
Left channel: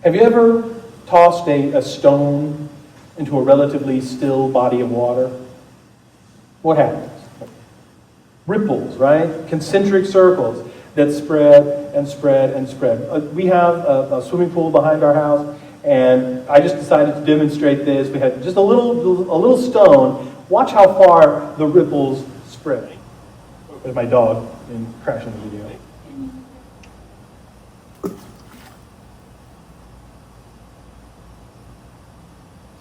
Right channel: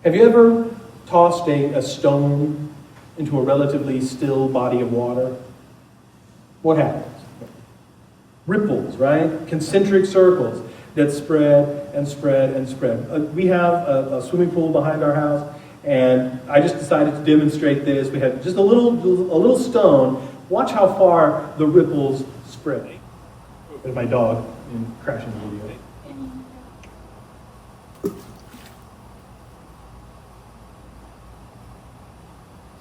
Have you ever tossed a stone into a relatively still body of water? What happens? Ripples, right? Concentric circles that spread and spread and spread. We have a swimming pool behind our house, and I just decided to demonstrate this. We had just a little stone. Watch how far the ripples spread. There's my dog crashing the video.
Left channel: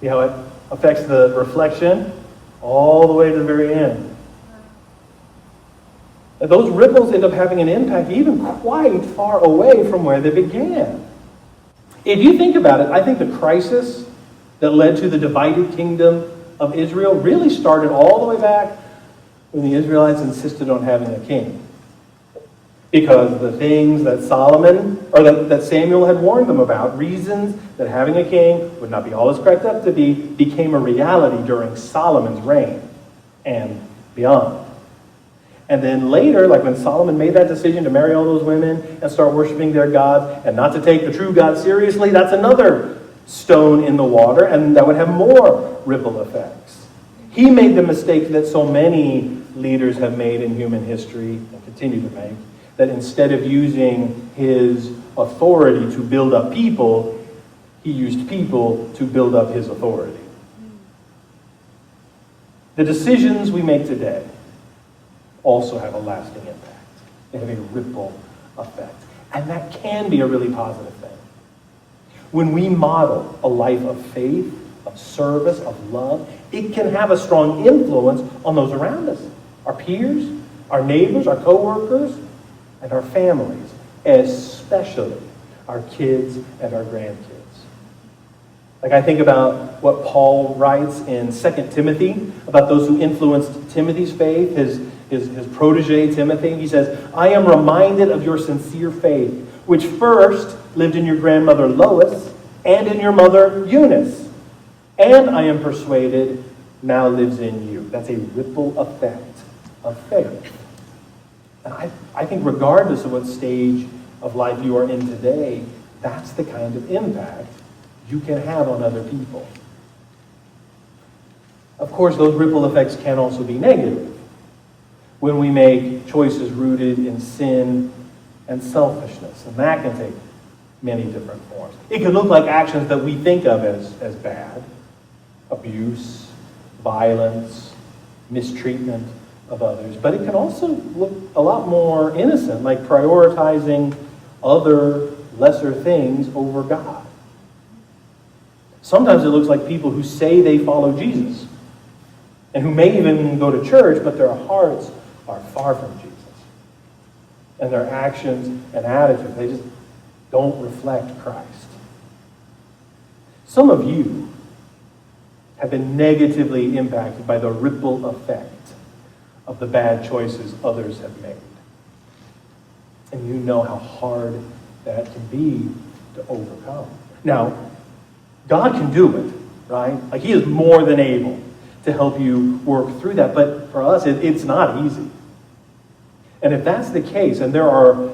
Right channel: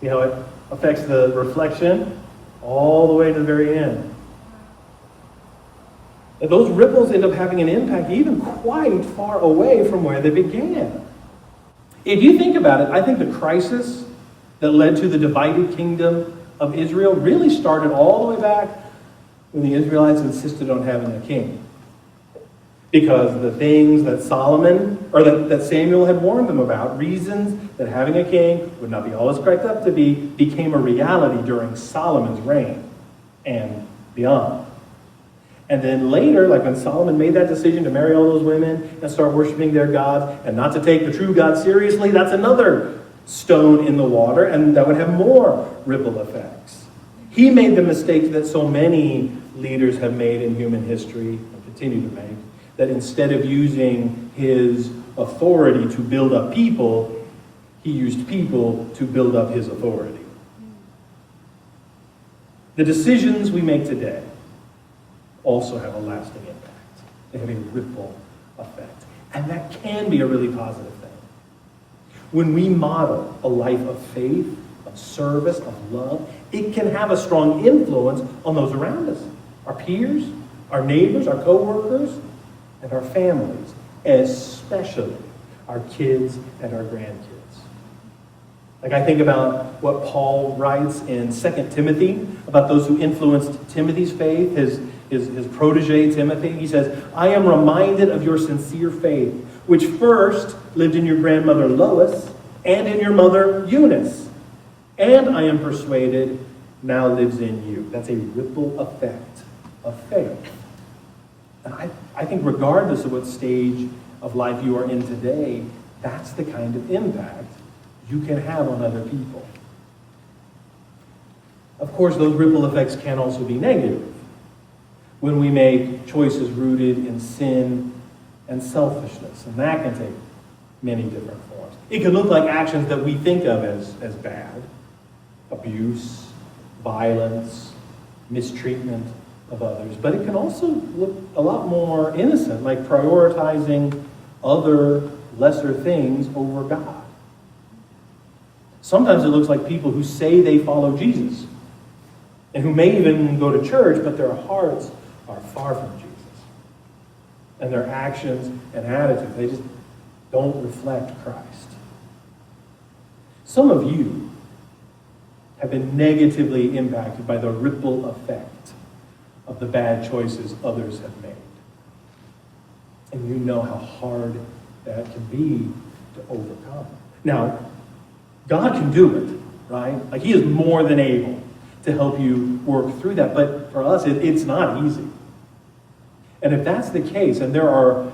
See how it affects the reflection all the way to the very end. And those ripples end up having an impact even quite far away from where they began. If you think about it, I think the crisis that led to the divided kingdom of Israel really started all the way back when the Israelites insisted on having a king. Because the things that that Samuel had warned them about, reasons that having a king would not be all it's cracked up to be, became a reality during Solomon's reign and beyond. And then later, like when Solomon made that decision to marry all those women and start worshiping their gods and not to take the true God seriously, that's another stone in the water, and that would have more ripple effects. He made the mistake that so many leaders have made in human history and continue to make, that instead of using his authority to build up people, he used people to build up his authority. The decisions we make today also have a lasting impact. They have a ripple effect. And that can be a really positive thing. When we model a life of faith, of service, of love, it can have a strong influence on those around us. Our peers, our neighbors, our co-workers, and our families, especially our kids and our grandkids. Like I think about what Paul writes in 2 Timothy about those who influenced Timothy's faith, his protege Timothy. He says, I am reminded of your sincere faith, which first lived in your grandmother Lois and in your mother Eunice, and I am persuaded now lives in you. That's a ripple effect of faith. And I think regardless of what stage of life you are in today, that's the kind of impact you can have on other people. Of course, those ripple effects can also be negative when we make choices rooted in sin and selfishness, and that can take many different forms. It can look like actions that we think of as bad: abuse, violence, mistreatment of others. But it can also look a lot more innocent, like prioritizing other lesser things over God. Sometimes it looks like people who say they follow Jesus and who may even go to church, but their hearts are far from Jesus. And their actions and attitudes, they just don't reflect Christ. Some of you have been negatively impacted by the ripple effect of the bad choices others have made. And you know how hard that can be to overcome. Now, God can do it, right? Like He is more than able to help you work through that. But for us, it's not easy. And if that's the case, and there are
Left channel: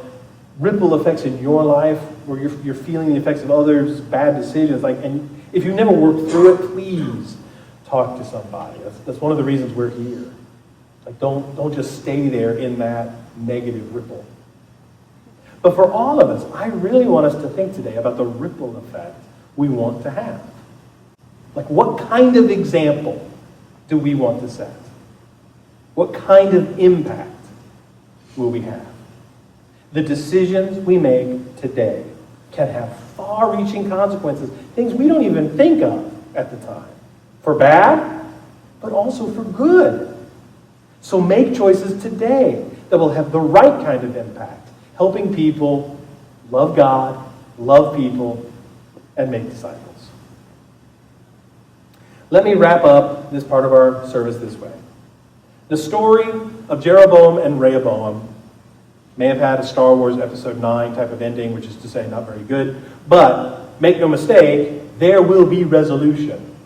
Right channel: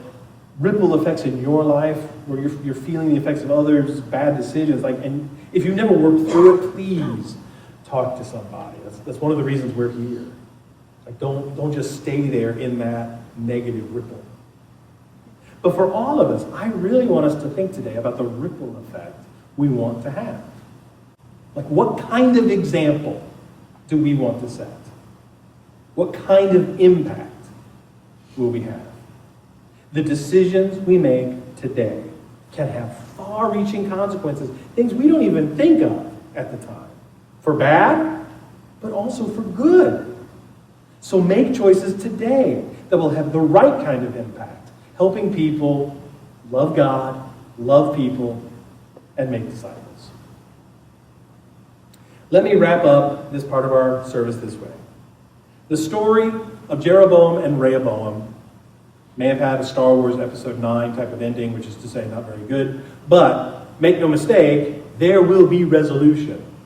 ripple effects in your life where you're feeling the effects of others' bad decisions, and if you've never worked through it, please talk to somebody. That's one of the reasons we're here. Like don't just stay there in that negative ripple. But for all of us, I really want us to think today about the ripple effect we want to have. Like, what kind of example do we want to set? What kind of impact will we have? The decisions we make today can have far-reaching consequences, things we don't even think of at the time. For bad, but also for good. So make choices today that will have the right kind of impact, helping people love God, love people, and make disciples. Let me wrap up this part of our service this way. The story of Jeroboam and Rehoboam may have had a Star Wars Episode 9 type of ending, which is to say not very good, but make no mistake, there will be resolution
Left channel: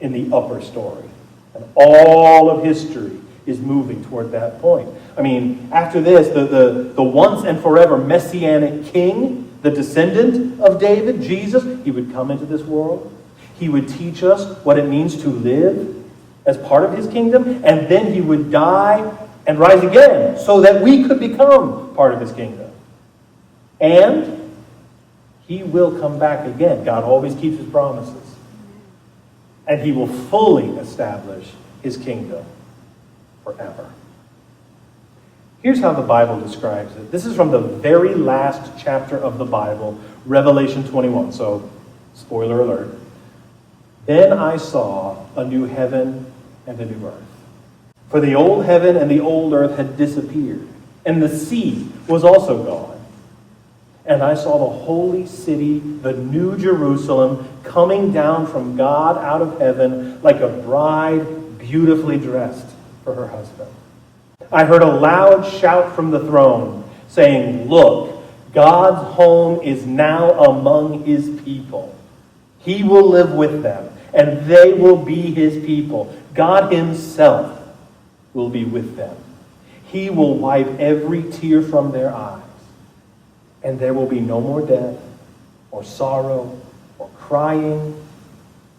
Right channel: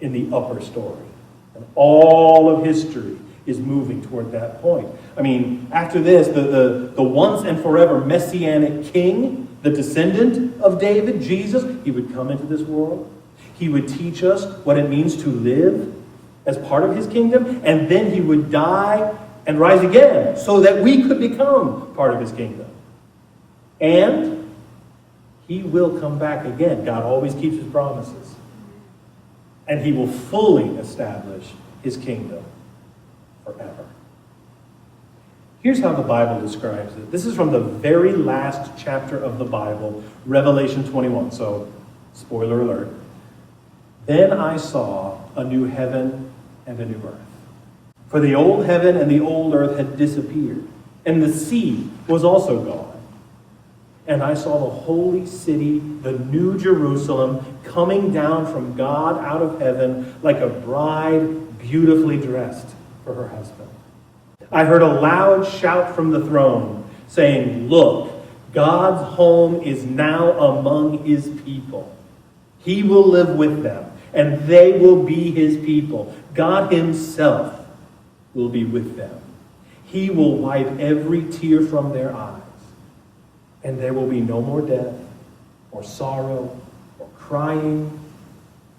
in the upper story. And all of history is moving toward that point. I mean, after this, the once and forever messianic king, the descendant of David, Jesus, he would come into this world. He would teach us what it means to live as part of his kingdom, and then he would die and rise again so that we could become part of his kingdom. And he will come back again. God always keeps his promises. And he will fully establish his kingdom forever. Here's how the Bible describes it. This is from the very last chapter of the Bible, Revelation 21. So, spoiler alert. Then I saw a new heaven and a new earth. For the old heaven and the old earth had disappeared, and the sea was also gone. And I saw the holy city, the new Jerusalem, coming down from God out of heaven like a bride beautifully dressed for her husband. I heard a loud shout from the throne saying, "Look, God's home is now among his people. He will live with them, and they will be his people. God himself will be with them. He will wipe every tear from their eyes, and there will be no more death, or sorrow, or crying,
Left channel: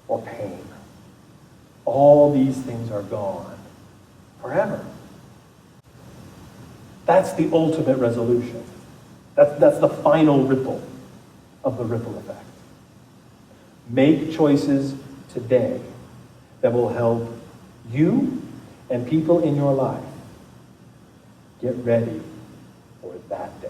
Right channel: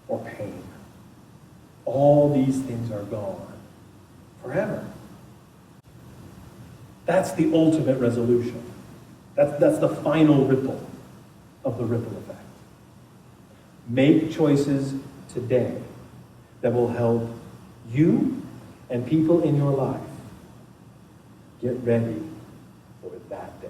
or pain. All these things are gone forever." That's the ultimate resolution. That's the final ripple of the ripple effect. Make choices today that will help you and people in your life get ready for that day.